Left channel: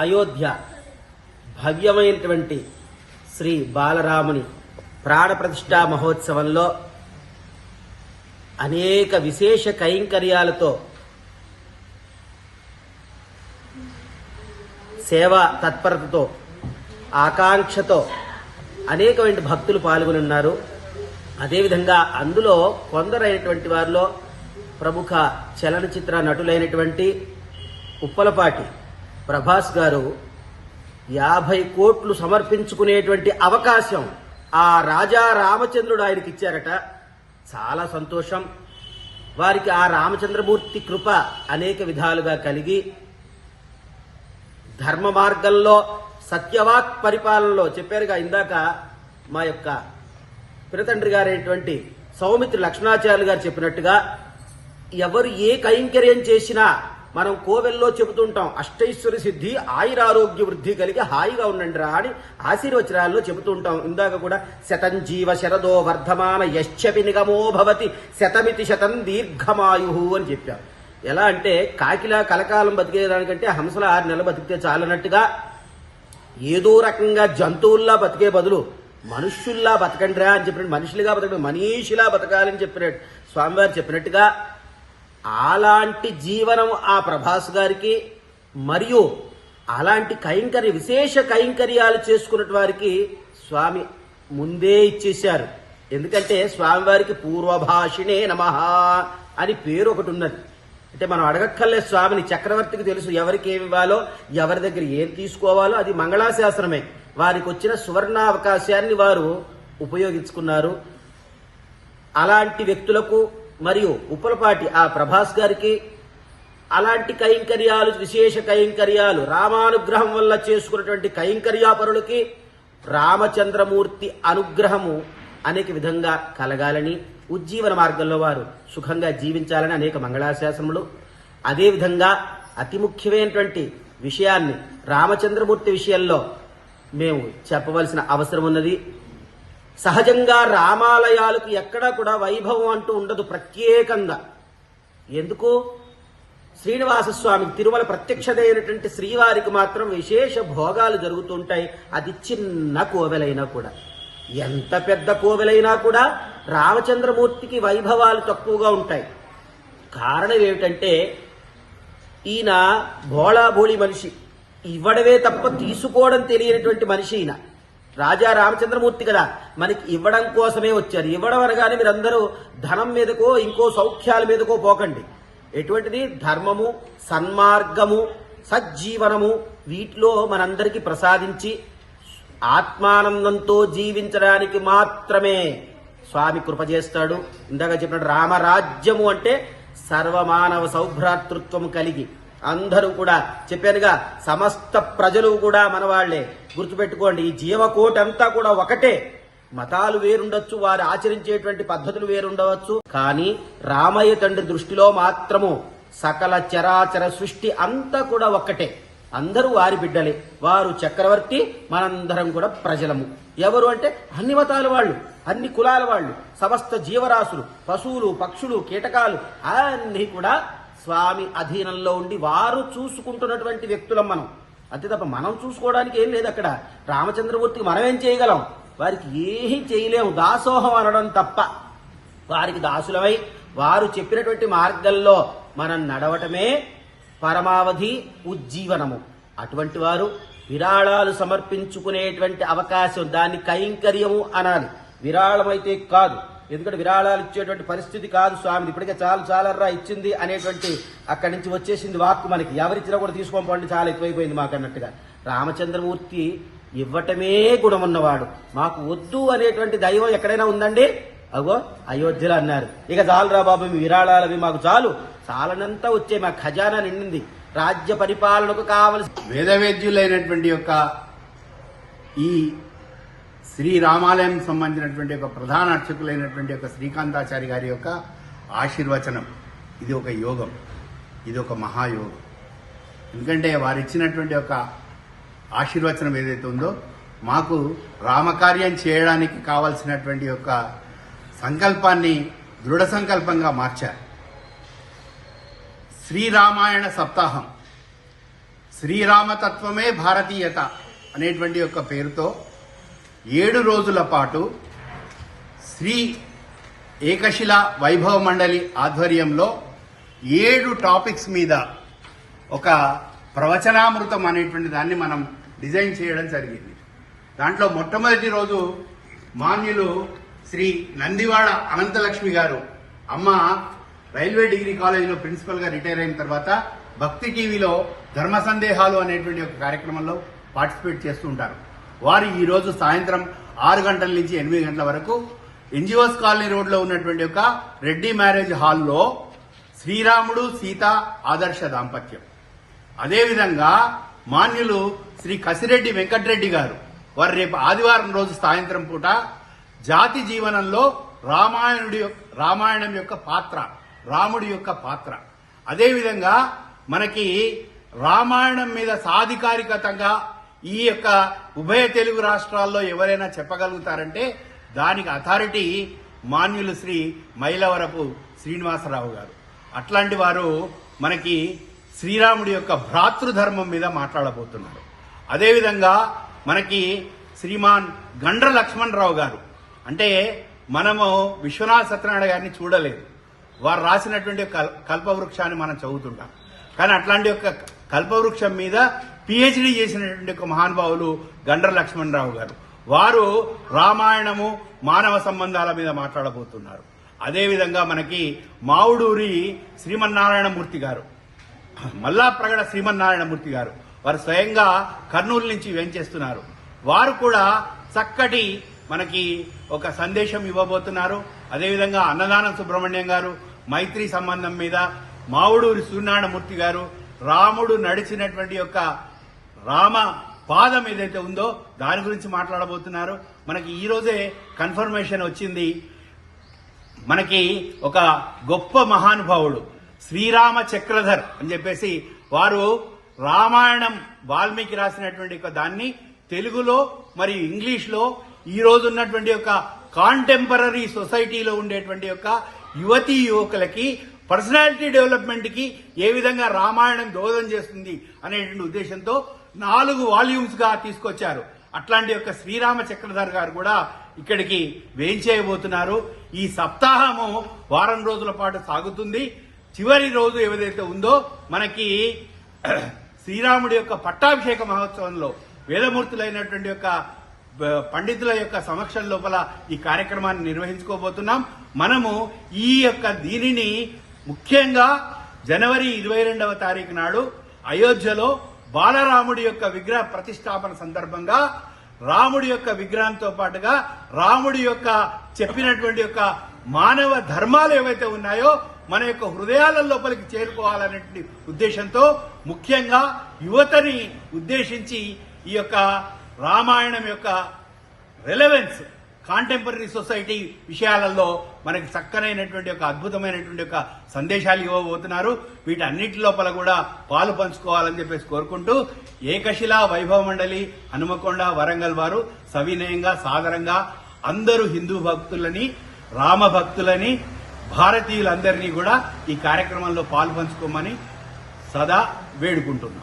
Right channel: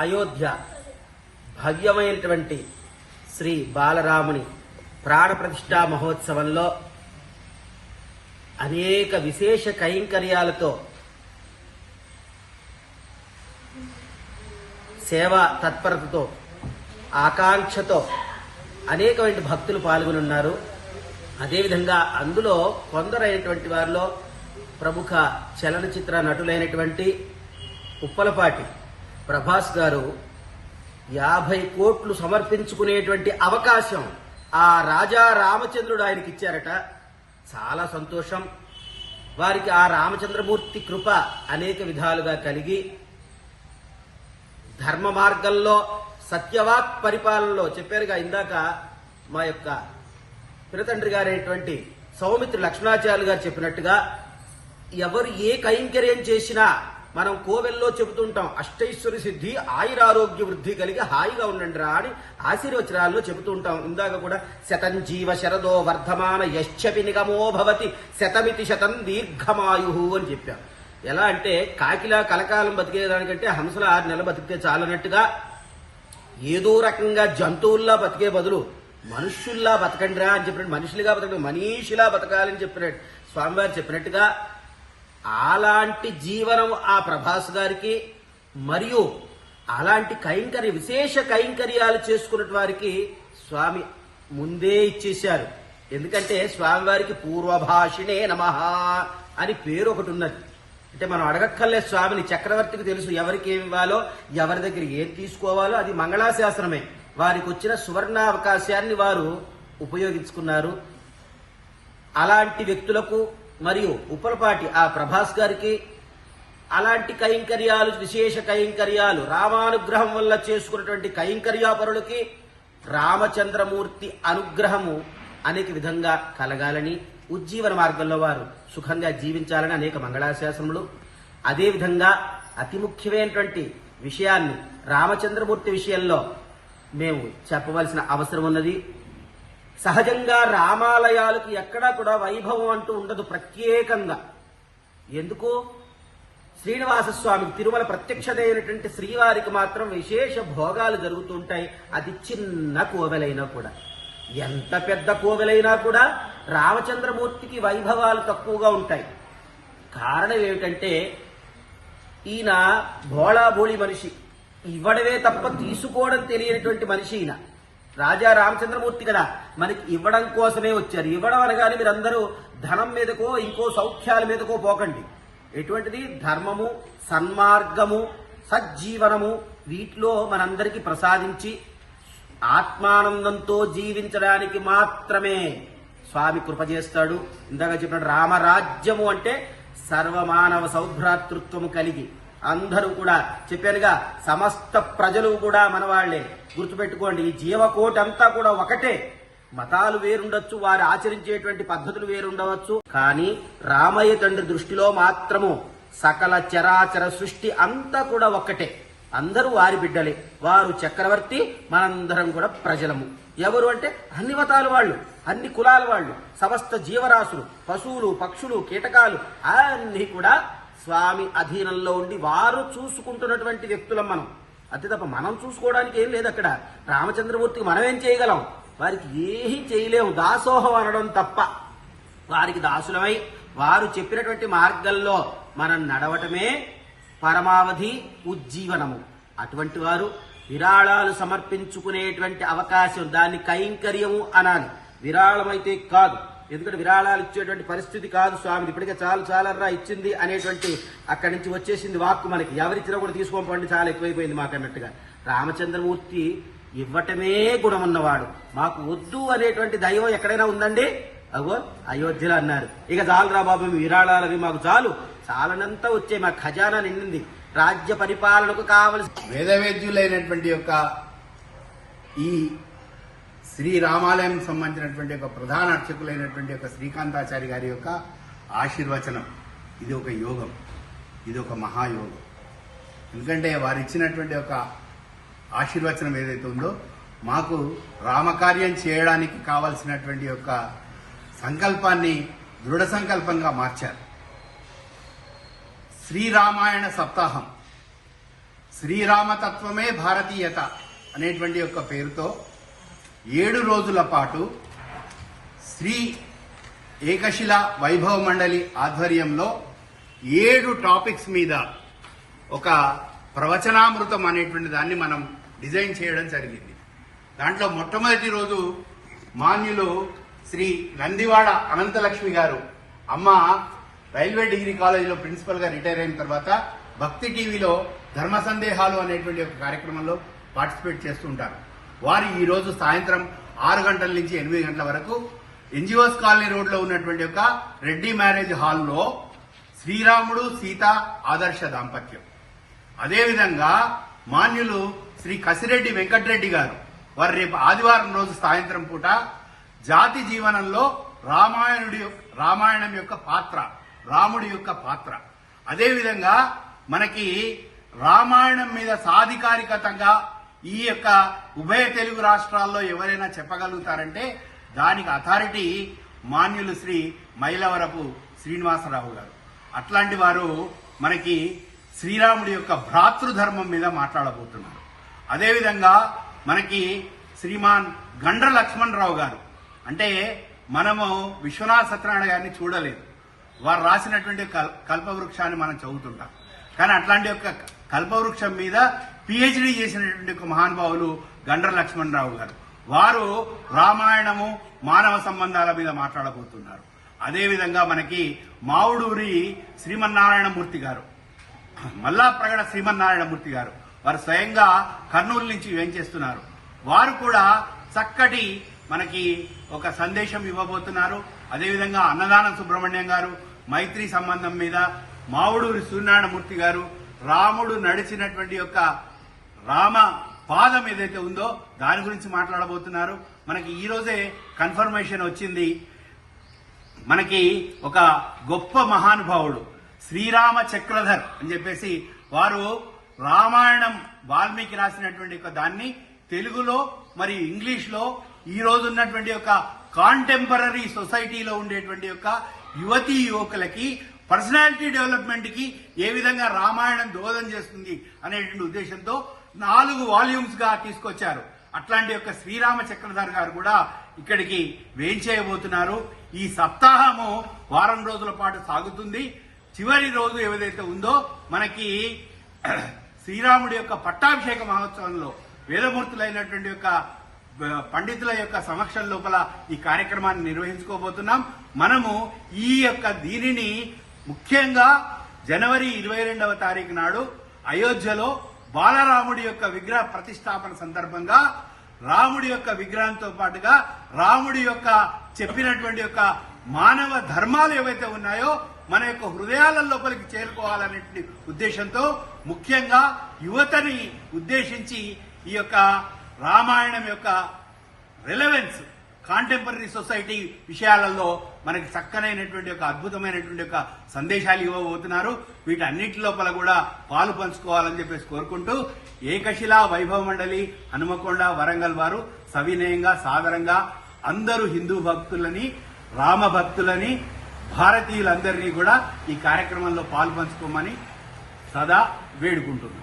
అయోధ్య భవ్యమైనటువంటి శ్రీ బాలరాముని ప్రాణప్రతిష్ఠా మహోత్సవంలో అనేక విశేష కైంకర్యాలతో సేవా తత్పరతతో ఆకాంక్షతో అనేకమైన భక్తులు పాల్గొనున్నారు. అదేవిధంగా అందులో కొందరైనటువంటి వారిలో ప్రముఖ చలనచిత్ర నటులైనటువంటి ఉప్పలపాటి ప్రభాస్ గారు 50 కోట్లు సమర్పించుకునేటువంటి అవకాశం ఆ రాజా రామచంద్రుడు ఆయనకి ఇచ్చారట. చాలా సంతోషం. వారికి ఆ రామచంద్రమూర్తి కృప అనేక విధాలుగా కలిగి ధర్మ మార్గంలో సత్యవాక్ పరిపాలనలో చెప్పారుగా ఇందాక మా యొక్క పినతండ్రి గారైనటువంటి సౌమిత్రి లక్ష్మణాచార్యులు గారు చెప్పినట్టుగా ఎవరు ఏ కైంకర్యం చేసినా మనం కోవెల్లో చెబుతుంటాం, అష్టైశ్వర్య సిద్ధి ఆయురారోగ్య వృద్ధి కలిగి హాయిగా ఉండండి రా అని ఆశీర్వచనాల్లో చెబుతూ ఉంటాం. ఇందాక కూడా శతం జీవ శరదో వర్ధమాన యశ్చపి నిగమో భవతి శతమితి శతం దీర్ఘమాయు అని చెప్పారు. ఎలా అంటే కాకిలా కలకాలం బతికేదానికంటే హంసల 6 నెలలు బతికితే చాలన్నట్టుగా ఏదో రకంగా జంతువుల్లా బతికే బదులు మనుష్యుల్లా బతకండిరా అని చెప్పినట్టు, మనుషులుగా బతకండి, మనీషిలా బతకాలని చెప్పినట్టు స్వామివారు చెప్పినట్టుగా అలాంటి జీవనం ఆ ప్రభాస్ గారికి మరియు అలాంటి విశేష కైంకర్యాలు చేసుకున్న వారికి స్వామి ముందే ఇచ్చేశారు. ఎందుకంటే స్వామివారికి పూర్వభాషిణే నమః అని పేరు ఒకటి ఉన్నది. అంటే మనం అడగక్కర్లేదు స్వామిని, చక్రవర్తికి తెలుసు ఎవరికి ఏమి ఇవ్వాలో, ఎవరి దగ్గర ఏం తీసుకోవాలో. అది మంగళాశాసనమే. వారికి వచ్చిన సువర్ణావకాశాన్ని వారు ఉపయోగించుకున్నారు. అలాంటి వ్యక్తులకు మరియు ఉప్పలపాటి ఆ ప్రభాస్ గారికి అలాంటి కైంకర్యాలు, విశేష కైంకర్యాలు, రామానుగ్రహం వల్ల చేసుకున్నటువంటి కైంకర్యాపరులకి రామచంద్రమూర్తి అనుగ్రహము అనేక విధంగా కలగాలని, ఉజ్జీవన మార్గంలో వారు సుఖంగా జీవించాలని అనేక మంగళాశాసనములు. అదేవిధంగా అతి ముఖ్యమైనటువంటి విషయాన్ని రామచంద్రమూర్తి విషయంలో మేము చెప్పవలసిన అవసరం ఉన్నది. సహజంగా రామాలయాలకు ఎక్కడా కూడా వైభవం అంటూ ఉండదు ప్రత్యేకంగా. ఎందుకు? శ్రీనివాసస్వామికి తిరుమల ప్రత్యక్షదైనటువంటి శ్రీవారికి మాత్రం విశేష భోగాలు జరుగుతుంటాయి. అది చిన్న కోవెలైనా కూడా, ఎంత పెద్ద కోవెలైనా కూడా రామచంద్రమూర్తికి వైభవాలు తక్కువగా ఉంటాయి. కారణం ఏమిటంటే ఈయన భోళాభోళి మనిషి, ఇవ్వడమే తప్ప తీసుకోవడం తెలియనటువంటి మనిషి ఈయన. రాజా రామచంద్రమూర్తి కదా, మనకి ఇవ్వడం కోసమే వచ్చారు. ఇవ్వడం అనగానే మీరందరూ ధనం మీదకో ఇంకో సౌఖ్యాల మీదకో పోకండి. ఎటువంటిది? ధర్మము, సన్మార్గము, సజ్జీవనము వీటిలో మనందరికీ ప్రసాదించి ఆత్మానందంతో జీవించడానికి మాత్రమే స్వామి కృప చేస్తాడు. ఇందాక చెప్పిన రామరాజ్యము అంటే సర్వమానవ సౌభ్రాతృత్వము కలిగి అందరూ కూడా చెప్పానుగా, సమస్త ప్రజలు కూడా మనవాళ్లే. గుర్తుపెట్టుకోండి, ఈ జీవకోటి అంతా కూడా ఒకటే. మతాలు వేరుండొచ్చు, వారు ఆచరించేటువంటి పద్ధతులు వేరుండవచ్చు, కానీ రామయ్య తండ్రి దృష్టిలో మాత్రము సకల చరాచర సృష్టి అంతా కూడా ఒక్కటే. అందరూ వారి బిడ్డలే. వారు చక్రవర్తి, మనందరం కూడా ప్రజలము. ఎవరు అంటే అన్ని మతాల వాళ్ళు, అన్ని కులాల వాళ్ళు, సమస్త జీవరాశులు, పశువులు, పక్షులు, కీటకాలు అన్ని కూడా స్వామి అధీనంలో ఉండి వారు చూసుకుంటున్నటువంటి వ్యక్తులం మనం. అంతే తప్ప మనం చూసుకోవడానికి ఏం లేదు అక్కడ. రామచంద్రమూర్తికి మనం ఏం చేయగలం? వారికి ఏమీ చేయలేము, దాసోహం అనడం తప్ప. వారికి దాసులమై వారు చెప్పినటువంటి మార్గంలో మనం నడవటమే పరమావధి ఉజ్జీవనము. అటువంటి వారు విరాళాలు సమర్పించుకునేటువంటి అవకాశం, దాన్ని కైంకర్యము అనాలి, విరాళమైతే కాదు. ఎందుకంటే విరాళాలు ఇచ్చేటువంటి పరిస్థితి కాదు స్వామి. ఇప్పటికే చాలా ఇచ్చింది అనేటువంటి అక్కడి నుంచి వచ్చేసింది వాక్కు మనకి. ఎవరిచ్చినా కూడా తీసుకోండి, చాలా ఎక్కువైపోయింది మాకు అన్నట్టుగా. రామచంద్రమూర్తి ఇవ్వటమే గుణమున్నవాడు. మాకు వద్దు అనేటువంటి దైవం ఎక్కడైనా ఉందండి? అగో అయోధ్యలో అన్నారు. ఇక చాలురా బాబు, విరాళాలవి మాకు చాలనంతా వచ్చే మా ఖజానా నిండింది. రాజ్య పరిపాలనకు కావలసి వేదవేద్యులైనటువంటి యొక్క ఈ శ్రీరామాలయం సంబంధించినటువంటి ఒక ప్రధాన అర్చకులైనటువంటి ఒక శ్రీకాంతాచారి గారి యొక్క ఆశీర్వచనం, ఇది ఒక యోగం, ఇది ఒక మహాయోగం. ఎందుకంటే వారు ఇచ్చినటువంటి ఒక ఆశీర్వచనం ఏదైతే ఉందో మాకు రామకార్యం చేయడానికి కావలసినటువంటి యొక్క సంకల్పాన్ని దృఢ సంకల్పంగా మార్చారు. శ్రీరామాయణ సప్తాహం, శ్రీరామతత్వమే భారతీయత అనేటువంటి యొక్క పేరుతో 7 రోజుల పాటు శ్రీ ఏకశిల వైభవ మండలి ఆధ్వర్యంలో 7 టాపిక్స్ మీద ఒక ప్రవచనామృతం అనేటువంటి దాన్ని మనం డిజైన్ చేయడం జరిగింది. దాంట్లో మొట్టమొదటి రోజు మాన్యులు శ్రీ నందివాడ అనంతలక్ష్మి గారు, అమ్మ రైల్వే డిగ్రీ కాలేజీలో ప్రిన్సిపల్ గా రిటైర్ అయిన తర్వాత భక్తి టీవీలో ధర్మ సందేహాలు అనేటువంటి ఒక కార్యక్రమంలో పార్టిసిపేట్ చేస్తూ ఉంటారు. వారు ఈ రోజు సాయంత్రం 6 గంటల నుంచి 8 గంటల వరకు ఎన్జిఓస్ కాలనీ రోడ్ లో ఉన్నటువంటి ఒక రెడ్డి మ్యారేజ్ హాల్లో శ్రీరాముడు సీత ఆదర్శ దాంపత్యం, అదేవిధంగా మాన్యులు శ్రీ కసిరెడ్డి వెంకటరెడ్డి గారు, వారు రేపు ఆదివారం రోజు సాయంత్రం పూట జాతి జీవనంలో రామాయణం యొక్క పాత్ర, రాముడి యొక్క పాత్ర, అదేవిధంగా మనకి రామాయణం మీద సాధికారికతంగా ఈ యొక్క ఉభయ తెలుగు రాష్ట్రాల్లో ఎవరైనా చెప్పగలుగుతారంటే దానికి అథారిటీ మాన్యులు శ్రీ మైలవరపు శ్రీనివాసరావు గారు. అట్లాంటి వారు మనకి శ్రీరాముడి యొక్క భ్రాతృధర్మం మీద మాట్లాడబోతున్నారు. అదేవిధంగా మనకి శ్రీమాన్ గండ్ర లక్ష్మణరావు గారు, అంటే మనము విశ్వనాథ సత్యనారాయణ గారిని చూడలేదు, వారు రాసినటువంటి కల్పవృక్షాన్ని మనం చదువుతుంటాం, కానీ అట్లాంటి ఒక కల్పవృక్షం మీద పిహెచ్డి చేసినటువంటి ఒక మహానుభావులు గండ్ర లక్ష్మణరావు గారు, వారు రామాయణము మానవ సంబంధాల మీద మాట్లాడబోతున్నారు. అదేవిధంగా మనకి మావుడూరి శ్రీమన్నారాయణమూర్తి గారు, మల్లాప్రగడ శ్రీమన్నారాయణమూర్తి గారు, వారు స్వయంగా కర్నూలు నుంచి వేంచేస్తున్నారు. వారు కూడా చక్కటి మనకి ఒక సందేశం ఇవ్వబోతున్నారు. అదేవిధంగా అన్నదానం సుబ్రహ్మణ్యం గారు మైత్రి సంబంధం మీద, మావుడూరి సూర్యనారాయణమూర్తి గారు రాముడు నడిచినటువంటి యొక్క రామ పాదం ఏదైతే ఉందో దాని గురించి మాట్లాడబోతున్నారు. మనకి ఈ రోజే కన్ఫర్మేషన్ వచ్చింది, మనకి ఒక గొప్ప మహానుభావుడు శ్రీరామ చక్రధర్ అని చెప్పేసి వారు రామాయణం వాల్మీకి రాసినటువంటి ఒక దాన్ని తెలుగులో మరియు ఇంగ్లీష్ లో ఈ రోజు ఉన్నటువంటి ఒక కాంటెంపరీ సొసైటీలో ఉండేటువంటి యొక్క యువతీ యువకులకి పర్సనాలిటీ డెవలప్మెంట్ కి ఏ విధంగా రామాయణం దోహదం చేస్తుంది అనేటువంటి ఉద్దేశంతో 4 వాల్యూమ్స్ గా తీసుకొచ్చారు. అట్లాంటి యొక్క శ్రీరామ చక్రధర్ గారు కూడా ఇక్కడికి వేయించేయబోతున్నారు. ఈ సప్తాహము వారం రోజుల పాటు సాగుతుంది. చివరి రోజు ఏదైతే ఉందో మనకి శ్రీరాముడి యొక్క పట్టాభిషేక మహోత్సవంలో వేదమూర్తులైనటువంటి యొక్క పండితుల యొక్క సమక్షం లోపల ఈ కార్యక్రమాన్ని నిర్వహించుకోబోతున్నాం. మనము ఈ యొక్క దీనిని ముఖ్యంగా జనవరి 22వ తారీఖు నాడు అయోధ్యలో బాలరాముడి యొక్క విగ్రహ ప్రతిష్టాపన సందర్భంగా రాముడి యొక్క విగ్రహంతో పాటుగా రాముడి యొక్క చెప్పినటువంటి యొక్క మానవ ధర్మాలు ఏవైతే ఉన్నాయో మన యొక్క హృదయాల లోపలికి చేరుకోవాలనే ఉద్దేశంతో ముఖ్యంగా యువతని ఉద్దేశించి ఈ యొక్క రామాయణం యొక్క రెలవెన్స్ కాంటెంపరీ సొసైటీ విషయాలలో మనకి చక్కనైనటువంటి ఒక అద్భుతమైనటువంటి ఒక సందేశాలు ఇవ్వబోతున్నారు. వీటన్నిటి లోపల కూడా పాలు పంచుకోవాలని చెప్పేసి కోరుకుంటూ ఏకశిలా వైభవ మండలి హనుమకొండ వరంగల్ వారు సవినయంగా సాదరంగా అందరూ హిందూ భక్తులని రామ భక్తులని భారతీయులందరినీ కూడా ఈ కార్యక్రమంలో పాలు పంచుకోమని సదా వేడుకుంటున్నారు.